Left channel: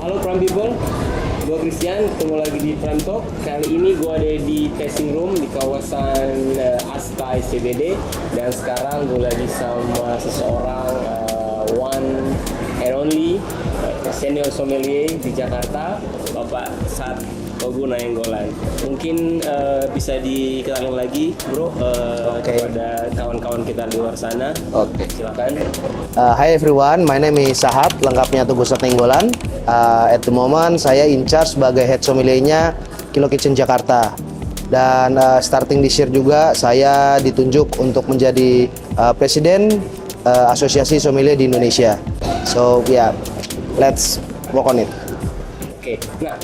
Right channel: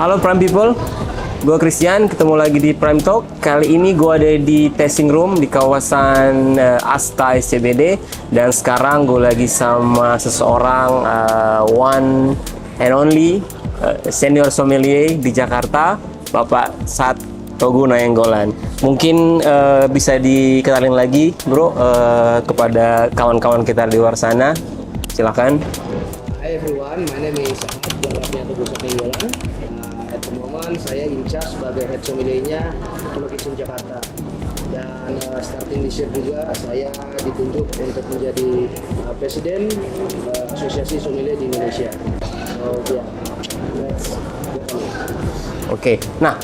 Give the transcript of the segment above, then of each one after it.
Halo Prime People, gue Christian, ketemu lagi di Prime Talk. Kali ini gue ada di tasting room di kawasan Asta SCBD. Dan sekarang gue lagi sama seseorang one and only senior sommelier di Jakarta, Bapak Sat Togu Nayanggolan. Mungkin bisa dikenalin lagi bro kepada kawan-kawan kita di luar sana. Oke. Silakan. Hi everyone, my name is Sahab, lengkapnya Togu Nayanggolan. At the moment saya in charge sebagai head sommelier-nya Kilo Kitchen Jakarta. Dan starting this year juga saya ditunjuk untuk menjadi presiden Asosiasi Sommelier di Indonesia. So yeah, let's work on it. Oke, nah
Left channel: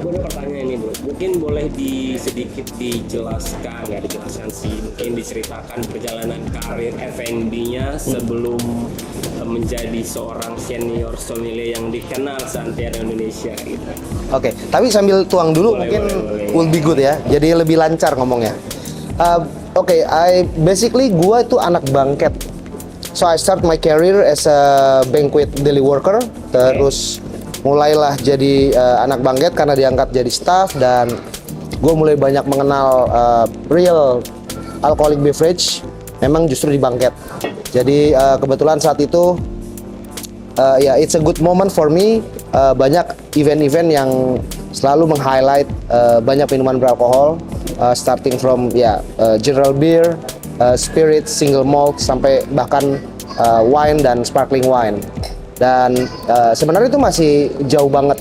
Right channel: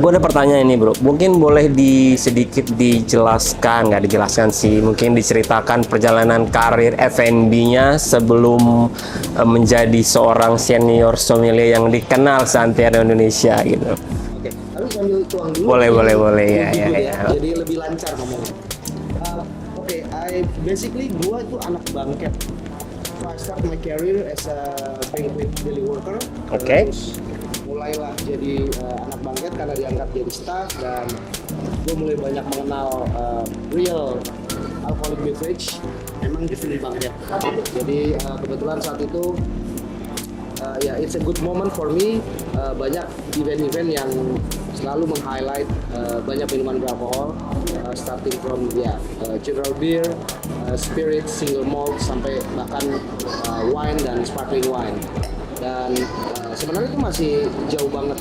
gue ada pertanyaan ini bro, mungkin boleh sedikit dijelaskan, nggak dijelaskan sih, mungkin diceritakan perjalanan karir F&B-nya sebelum menjadi seorang senior sommelier yang dikenal seantero Indonesia gitu. Oke, tapi sambil tuang dulu. Boleh. Will be good ya. Jadi lebih lancar ngomongnya. Oke, basically gue itu anak bangket. So I start my career as a banquet deli worker, terus mulailah jadi anak bangket karena diangkat jadi staff, dan gue mulai banyak mengenal real alcoholic beverage memang justru di bangket. Jadi kebetulan saat itu it's a good moment for me. Banyak event-event yang selalu meng-highlight banyak minuman beralkohol, starting from general beer, spirit, single malt, sampai bahkan wine dan sparkling wine. Dan sebenarnya itu masih jauh banget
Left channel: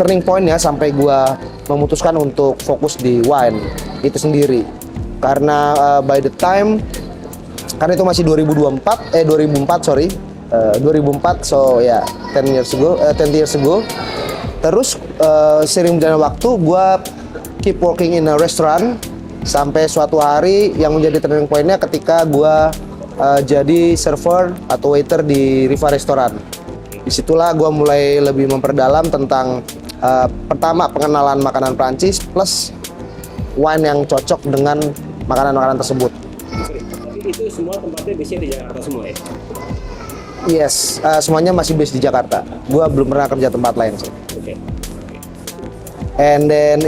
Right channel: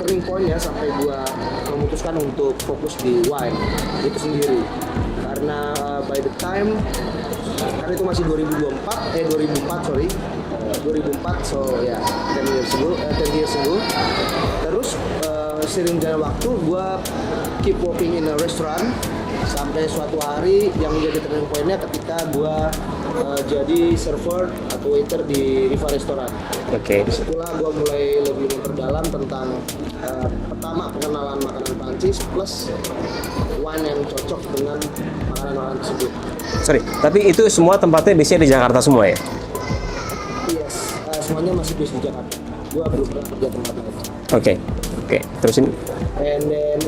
turning point-nya sampai gua memutuskan untuk fokus di wine itu sendiri. Karena by the time, karena itu masih 2004 so ya 10 years ago. Terus sering berjalan waktu gua keep working in a restaurant sampai suatu hari yang menjadi turning point-nya ketika gua jadi server atau waiter di Riva Restoran. Oke. Disitulah gue mulai lebih memperdalam tentang pertama pengenalan makanan Prancis plus wine yang cocok dengan makanan-makanan tersebut. Sorry, tapi itu semua tempatnya biasanya di Jakarta semua ya? Yes, semuanya masih based di Jakarta. Gue belum pernah kerja tempat lain sih. Oke, terusin. And then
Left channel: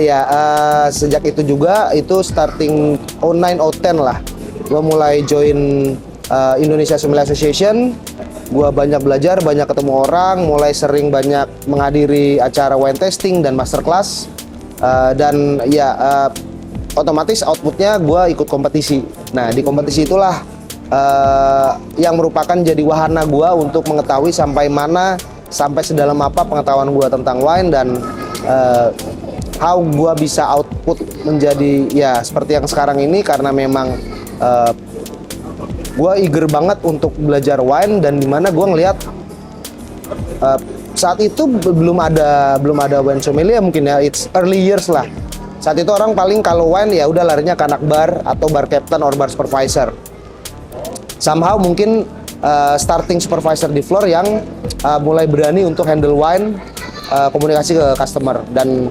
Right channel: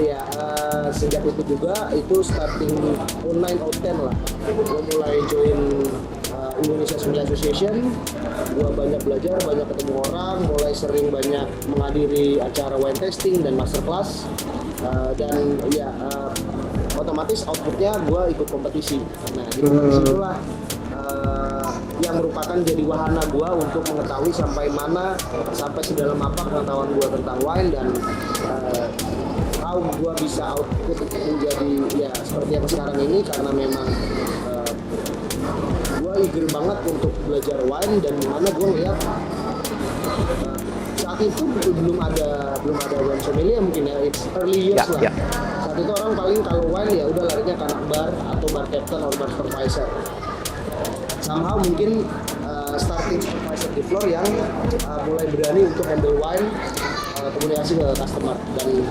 sejak itu juga itu starting 09-010 lah. Gue mulai join Indonesia Sommelier Association. Gue banyak belajar, banyak ketemu orang, mulai sering banyak menghadiri acara wine tasting dan masterclass. Dan otomatis outputnya gue ikut kompetisi. Nah di kompetisi itulah yang merupakan jadi wahana gue untuk mengetahui sampai sedalam apa pengetahuan gue tentang wine, dan how gue bisa output menjadi seperti yang sekarang ini, karena memang gue eager banget untuk belajar wine. Dan dimana gue ngelihat saat itu belum ada wine sommelier, mungkin it's early years lah. Saat itu orang paling kalau wine ya udah larinya ke anak bar atau bar captain or bar supervisor. Somehow mungkin starting supervisor di floor yang mulai berani untuk handle wine, komunikasi ke customer. Dan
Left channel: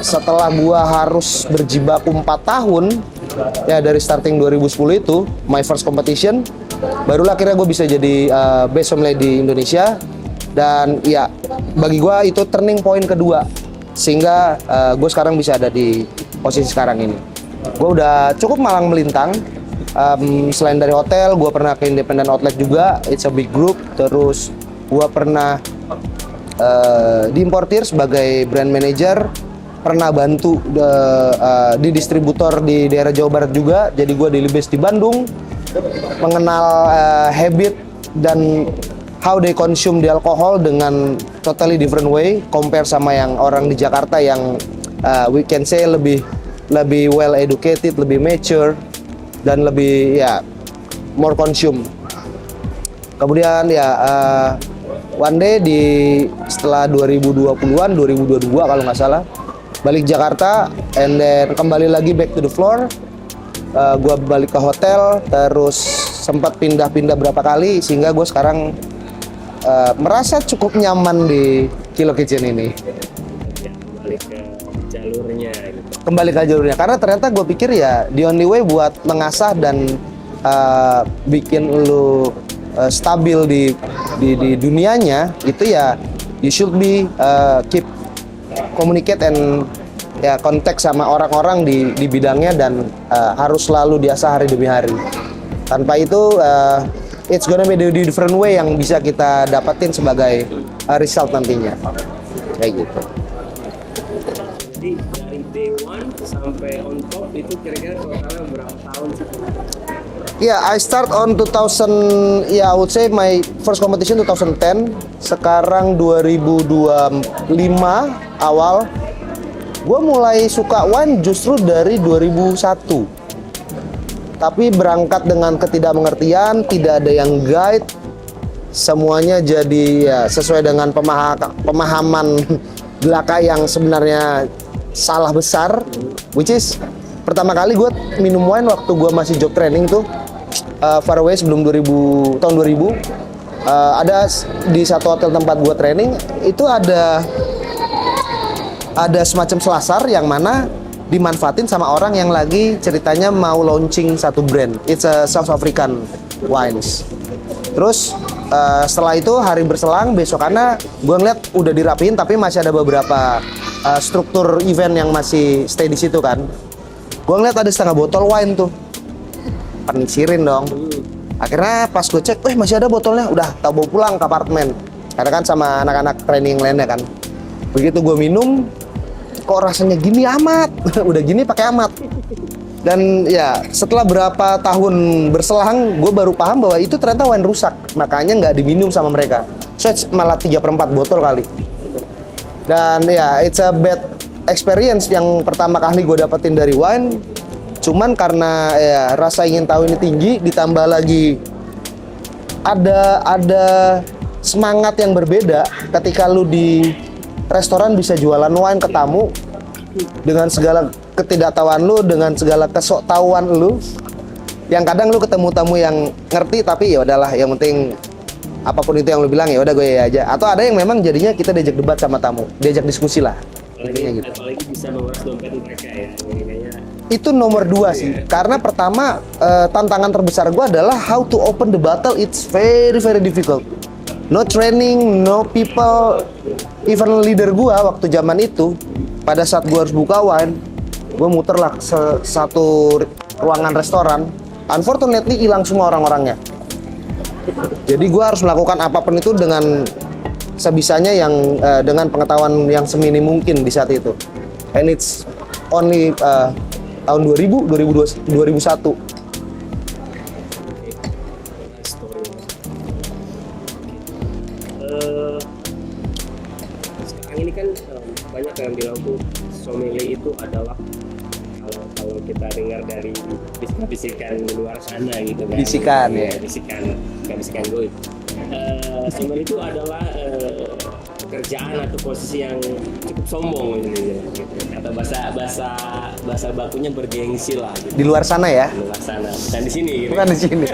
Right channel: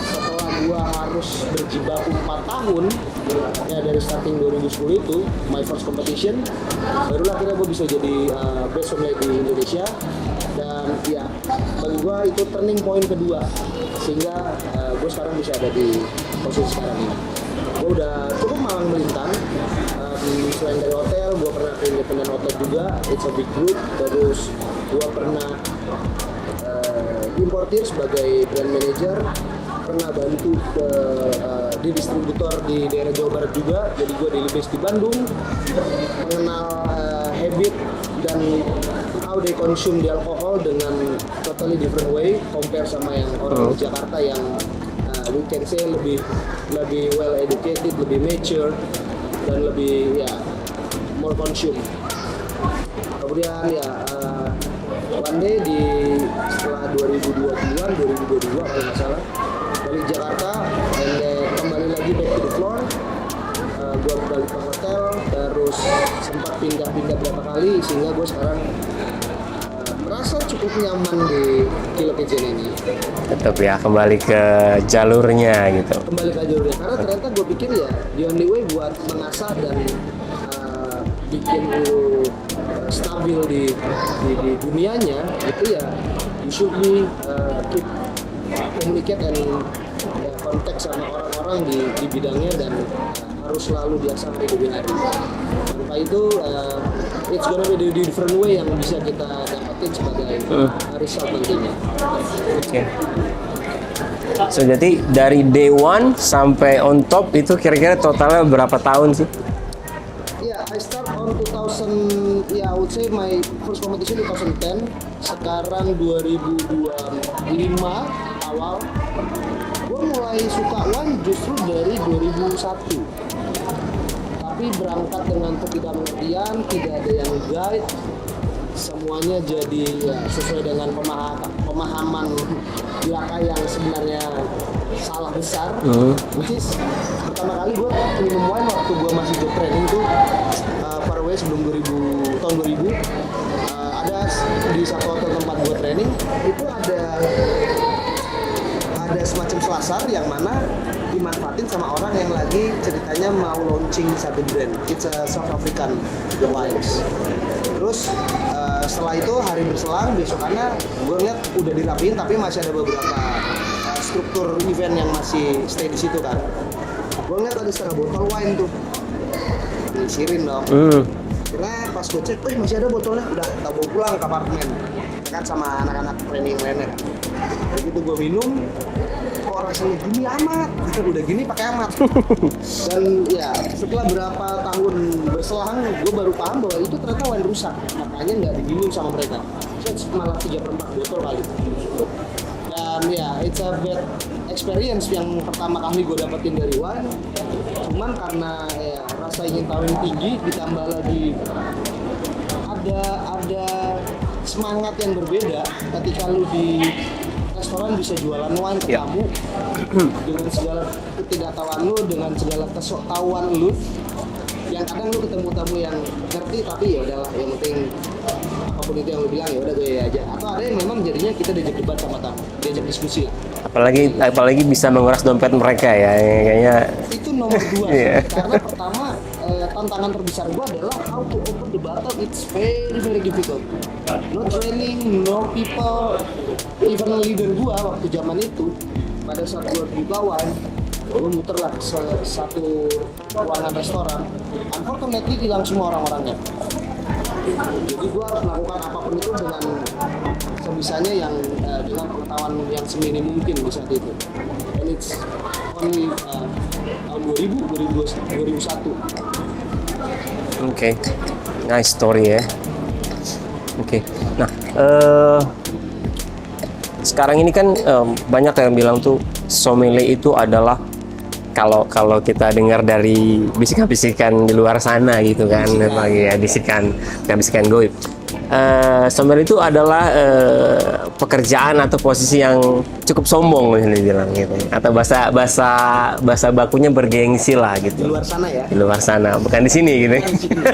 setelah gua harus berjibaku 4 tahun dari starting 2010 itu my first competition, barulah akhirnya gue bisa jadi best sommelier di Indonesia. Dan bagi gua itu turning point kedua, sehingga gue sekarang bisa ada di posisi sekarang ini. Gue udah cukup malang melintang. Selain dari hotel, gue pernah ke independent outlet juga, it's a big group. Terus gue pernah di importir sebagai brand manager, pernah bantu di distributor di daerah Jawa Barat juga. Jadi gue daily base di Bandung, mengenal habit dan how they consume the alcohol dengan totally different way compare sama yang orang di Jakarta yang we can say lebih well educated, lebih mature, dan lebih more consume. Kemudian one day setelah 2020-an, 2022 kalau nggak salah, balik Jakarta, and then kembali lagi back to the floor. Gue balik ke hotel, terus sempat pindah-pindah berapa kali, sehingga gue sekarang merasa cukup nyaman di Kilo Kitchen ini. Tetap kembali ke jalurnya gitu. Kembali ke jalurnya, karena ternyata gue pikir the only way buat mengasah dan bikin lu stabil di dunianya itu you should be keep communicate and ya kontak sama orang-orang di bidangnya dan harus selalu diasah hari demi hari. Tanpa itu it's gonna be the different way yang bisa kita dapetin sebagai result nantinya. Kayak gitu. So jadi dari day one sampai on top itu kira-kira totalnya berapa tahun sih? Yeah, I start on 2000. Yeah, I would say my first competition 2010. Sekarang 2025 awal. Gue mulai suka wine justru dari 2001. Tapi berangkat dengan ketidakmengertian, tidak ada yang guide. Semuanya jadi ya sesuai dengan pemahaman belaka yang sebenarnya salah besar. Which is pertama kali gue minum wine waktu gue masih job training tuh far away sebelum tahun 2000. Ada di satu hotel tempat gue training itu ada semacam selasar yang mana dimanfaatin sama orang yang lagi ceritanya mau launching satu brand. It's a South African wines. Terus setelah itu hari berselang besokannya gue ngeliat udah dirapiin tapi masih ada beberapa struktur event yang masih stay di situ kan. Gue ngeliat ada setengah botol wine tuh. Penisirin dong. Akhirnya pas gue cek, masih ada botolnya. Udah tak bawa pulang ke apartemen. Karena kan sama anak-anak training lainnya kan. Begitu gue minum, kok rasanya gini amat. Udah gini pakai amat. Dan ya setelah berapa tahun berselang, gue baru paham bahwa itu ternyata wine rusak. Makanya nggak diminum sama mereka. So it's malah 3/4 botol kali. Dan ya it's a bad experience yang pertama kali gue dapetin dari wine. Cuman karena ya rasa ingin tahu ini tinggi, ditambah lagi ada semangat yang berbeda ketika lu di restoran bisa jualan wine ke tamu dengan segala ketidaktahuan lu, dengan segala kesoktahuan lu. Yang kadang lu ketemu tamu yang ngerti tapi ya udahlah, yang penting apapun itu yang lu bilang ya udah gue ya aja. Atau ada yang memang jadinya kita diajak debat sama tamu, diajak diskusi lah. Apalagi bisa menguras dompet mereka ya, kayaknya itu nomor 2 sih. Karena pertama tantangan terbesar gue adalah how to open the bottle. It's very very difficult. No training, no people. Even leader gue waktu zaman itu, pada saat gue harus buka wine, gue muter lah satu ruangan restoran. Unfortunately hilang semua orang-orangnya. Jadi gue harus melakukan apapun itu dengan sebisanya yang dengan pengetahuan yang seminim mungkin di saat itu. And it's only tahun 2001. Oke. Nice story ya. Oke. Nah, sekarang ini kan banyak yang bilang tuh sommelier itu adalah kalau kita dengar dari bisikan-bisikan di luar sana gitu kan, bisikan goib. Sommelier itu adalah pekerjaan atau posisi yang cukup sombong bisa dibilang gitu, atau bahasa bakunya bergengsi lah gitu. Di luar sana ya? Di luar sana, bukan di sini gitu. Bukan di sini.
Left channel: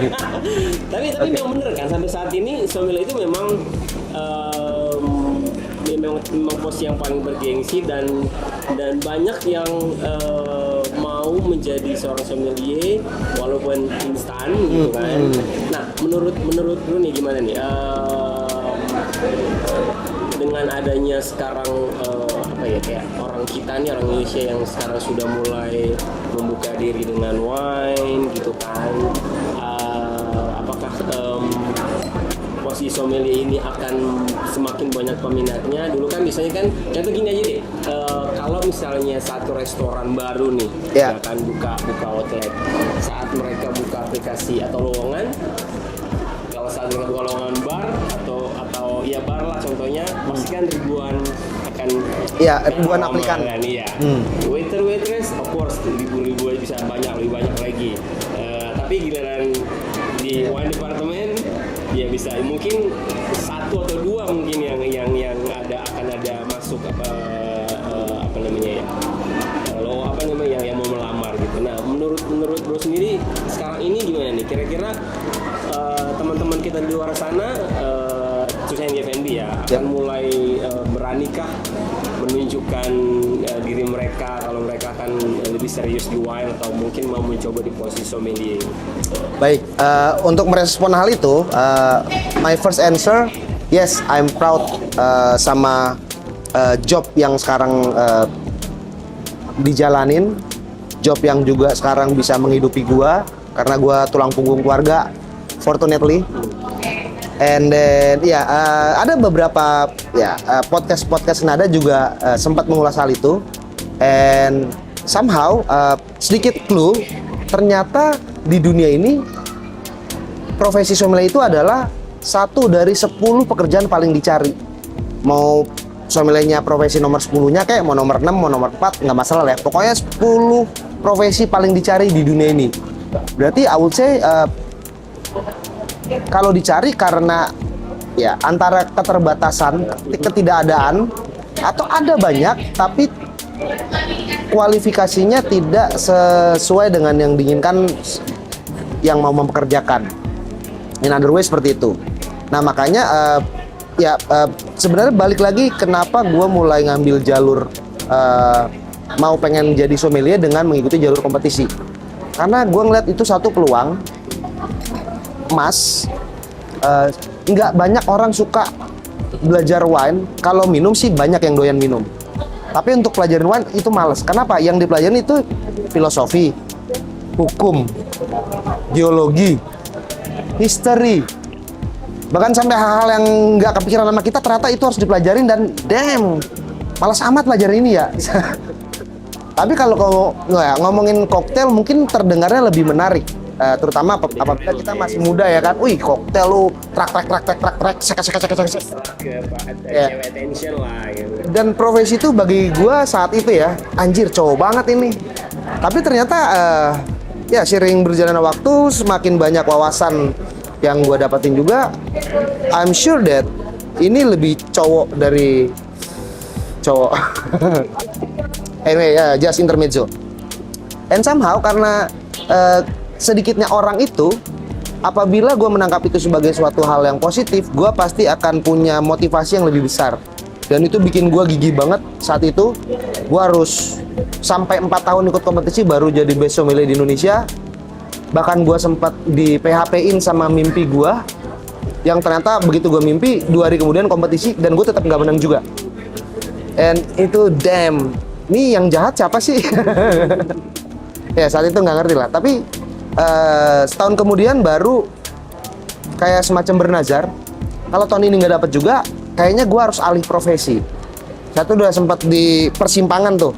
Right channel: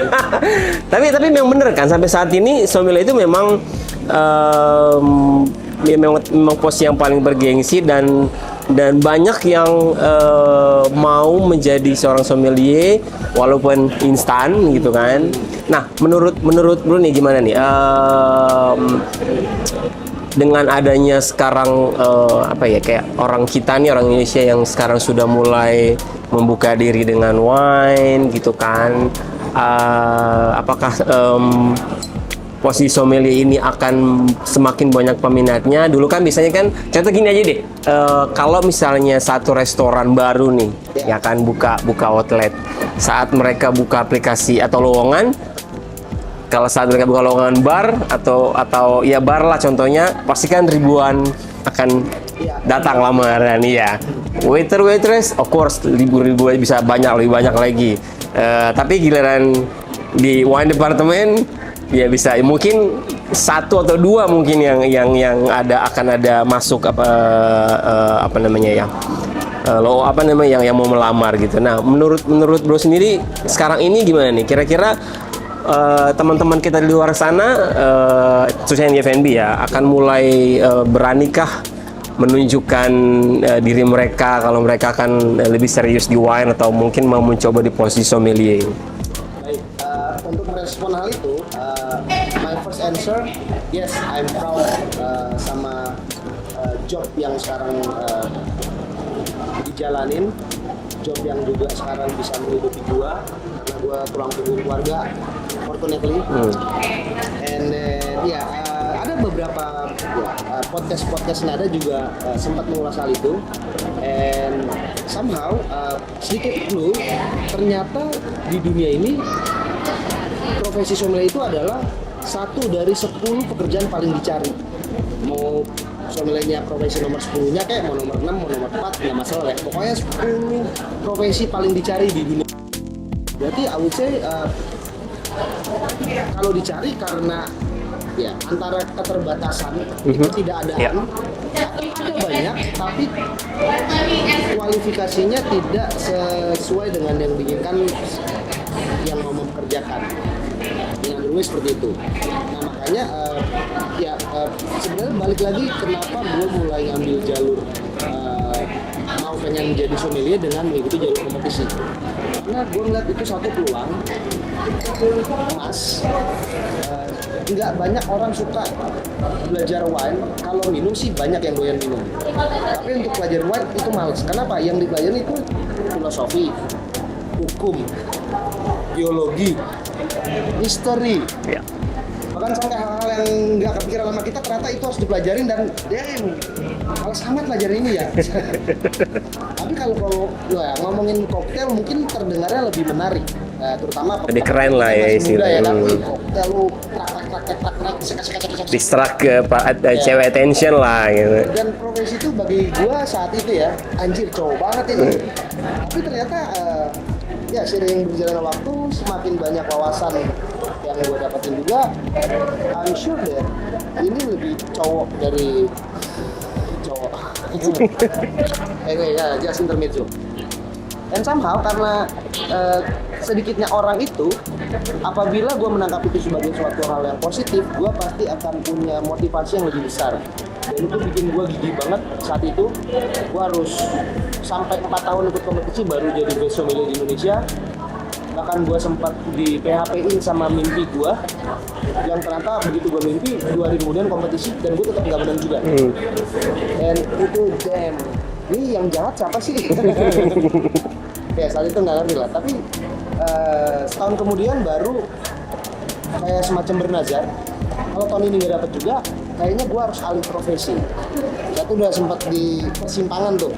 tapi memang bener kan sampai saat ini sommelier itu memang memang posisi yang paling bergengsi dan banyak yang mau menjadi seorang sommelier walaupun instan gitu kan. Nah, menurut lu nih gimana nih? Dengan adanya sekarang kayak orang kita nih, orang Indonesia yang sekarang sudah mulai membuka diri dengan wine gitu kan. Apakah posisi sommelier ini akan semakin banyak peminatnya? Dulu kan biasanya kan, contoh gini aja deh, kalau misalnya satu restoran baru nih, ya kan buka outlet, saat mereka buka aplikasi atau lowongan, kalau saat mereka buka lowongan bar atau ya bar lah contohnya, pasti kan ribuan akan datang lamar dan waiter waitress of course ribu bisa lebih banyak lagi. Tapi giliran di wine department ya bisa mungkin 1 atau 2 mungkin yang akan ada masuk yang mau melamar gitu. Nah, menurut bro sendiri sekarang ini gimana nih? Kira-kira teman-teman kita di luar sana, khususnya di F&B ya, akan mulai beranikah menunjukkan diri mereka kalau mereka akan lebih serius di wine atau mungkin mau mencoba di posisi sommelier? Baik, untuk merespon hal itu, my first answer, yes, I'm proud sama job yang sekarang dijalanin, job yang juga sekarang bisa menghidupi gua karena gua tulang punggung keluarga, fortunately. And then ada beberapa podcast nada juga sempat mengulas hal itu. And somehow sedikit clue, ternyata di dunia ini profesi sommelier itu adalah satu dari 10 pekerjaan paling dicari. Mau sommeliernya profesi nomor 10-nya kayak mau nomor 6, mau nomor 4, nggak masalah ya. Pokoknya 10 profesi paling dicari di dunia ini. Berarti I would say kalau dicari karena ya antara keterbatasan, ketidakadaan, atau ada banyak tapi kualifikasinya tidak sesuai dengan yang diinginkan yang mau mempekerjakan. In other way seperti itu. Nah makanya sebenarnya balik lagi kenapa gue mulai ngambil jalur mau pengen jadi sommelier dengan mengikuti jalur kompetisi. Karena gue ngeliat itu satu peluang emas. Nggak banyak orang suka belajar wine. Kalau minum sih banyak yang doyan minum. Tapi untuk pelajaran wine itu males. Kenapa? Yang dipelajari itu filosofi, hukum, geologi, history. Bahkan sampai hal-hal yang nggak kepikiran sama kita ternyata itu harus dipelajarin dan damn, malas amat pelajaran ini ya. Tapi kalau ngomongin koktail mungkin terdengarnya lebih menarik. Terutama keren lah kita masih muda ya kan. gitu. Wih, koktail lu trak sek. Distract ke cewek attention lah gitu. Dan profesi itu bagi gua saat itu ya, anjir cowok banget ini. Tapi ternyata ya seiring berjalannya waktu semakin banyak wawasan yang gua dapatin juga, I'm sure that ini lebih cowok dari cowok. Anyway, just intermezzo. And somehow karena sedikitnya orang itu, apabila gue menangkap itu sebagai suatu hal yang positif, gue pasti akan punya motivasi yang lebih besar. Dan itu bikin gue gigih banget saat itu. Gue harus sampai 4 tahun ikut kompetisi baru jadi best sommelier di Indonesia. Bahkan gue sempat di PHP-in sama mimpi gue, yang ternyata begitu gue mimpi, 2 hari kemudian kompetisi dan gue tetap nggak menang juga. And itu damn, ini yang jahat siapa sih? Ya saat itu nggak ngerti lah. Tapi setahun kemudian baru kayak semacam bernazar, kalau tahun ini nggak dapet juga, kayaknya gue harus alih profesi. Saya tuh udah sempat di persimpangan tuh.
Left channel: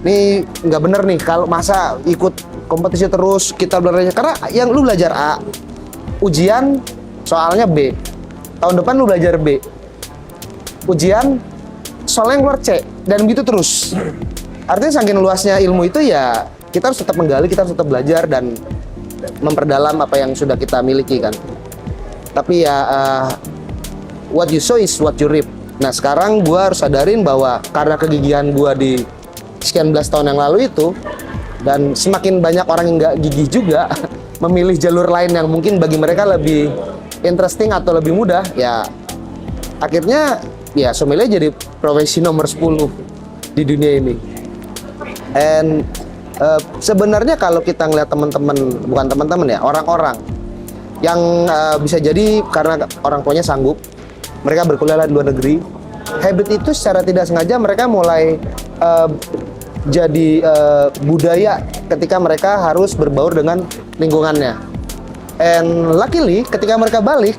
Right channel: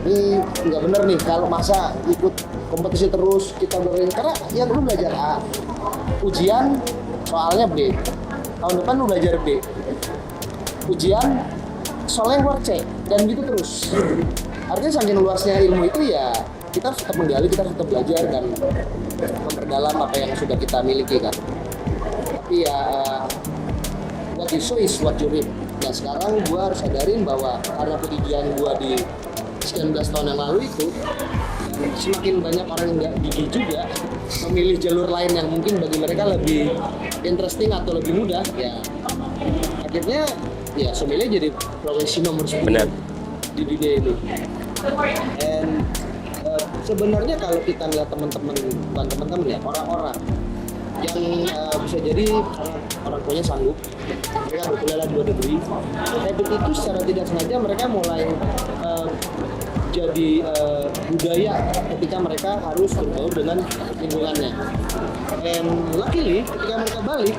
Ini nggak bener nih kalau masa ikut kompetisi terus kita belajar, karena yang lu belajar A, ujian soalnya B, tahun depan lu belajar B, ujian soalnya keluar C, dan gitu terus. Artinya saking luasnya ilmu itu ya kita harus tetap menggali, kita harus tetap belajar dan memperdalam apa yang sudah kita miliki kan. Tapi ya what you sow is what you reap. Nah sekarang gue harus sadarin bahwa karena kegigihan gue di sekian belas tahun yang lalu itu, dan semakin banyak orang yang nggak gigih juga memilih jalur lain yang mungkin bagi mereka lebih interesting atau lebih mudah, ya akhirnya ya sommelier jadi profesi nomor 10 di dunia ini. And sebenarnya kalau kita ngeliat teman-teman, bukan teman-teman ya, orang-orang yang bisa jadi karena orang tuanya sanggup, mereka berkuliah di luar negeri, habit itu secara tidak sengaja mereka mulai jadi budaya ketika mereka harus berbaur dengan lingkungannya. And luckily ketika mereka balik,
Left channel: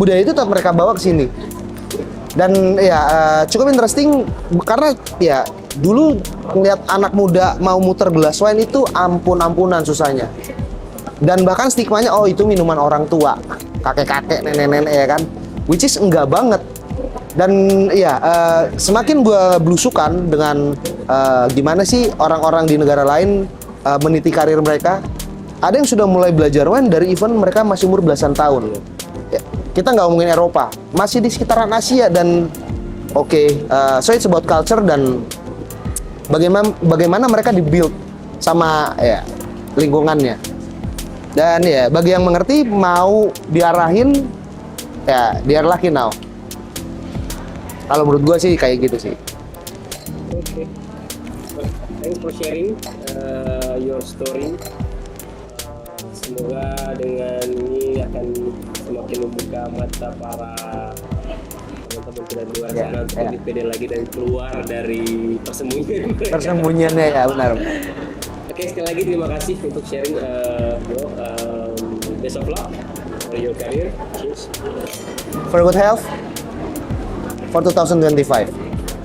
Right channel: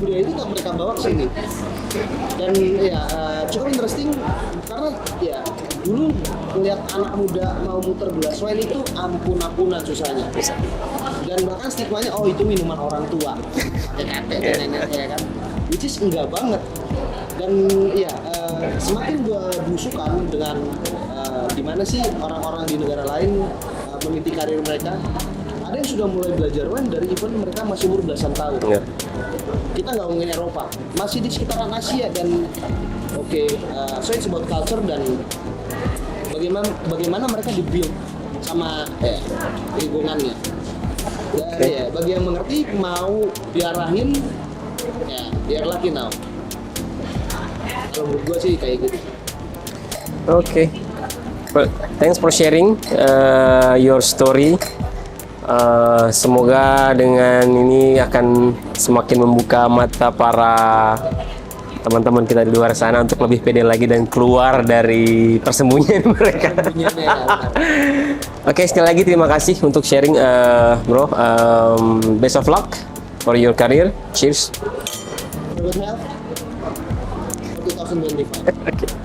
budaya itu tetap mereka bawa ke sini. Dan ya cukup interesting karena ya dulu ngeliat anak muda mau muter gelas wine itu ampun-ampunan susahnya. Dan bahkan stigmanya, oh itu minuman orang tua, kakek-kakek, nenek-nenek ya kan. Which is enggak banget. Dan ya semakin gue belusukan dengan gimana sih orang-orang di negara lain meniti karir mereka. Ada yang sudah mulai belajar wine dari event mereka masih umur belasan tahun. Ya, kita nggak ngomongin Eropa, masih di sekitaran Asia dan so it's about culture dan bagaimana mereka dibuild sama ya lingkungannya. Dan ya bagi yang mengerti mau diarahin ya diarahkan now. Kalau menurut gue sih kayak gitu sih. Okay. Well, thanks for sharing your story. Semoga dengan ini akan semakin membuka mata para teman-teman kita di luar sana untuk lebih pede lagi dan keluar dari persembunyian mereka. Persembunyiannya ya, benar. Oke, sekali lagi terima kasih untuk sharing, bro. Best of luck for your career. Cheers. For good health for 2025. Oke.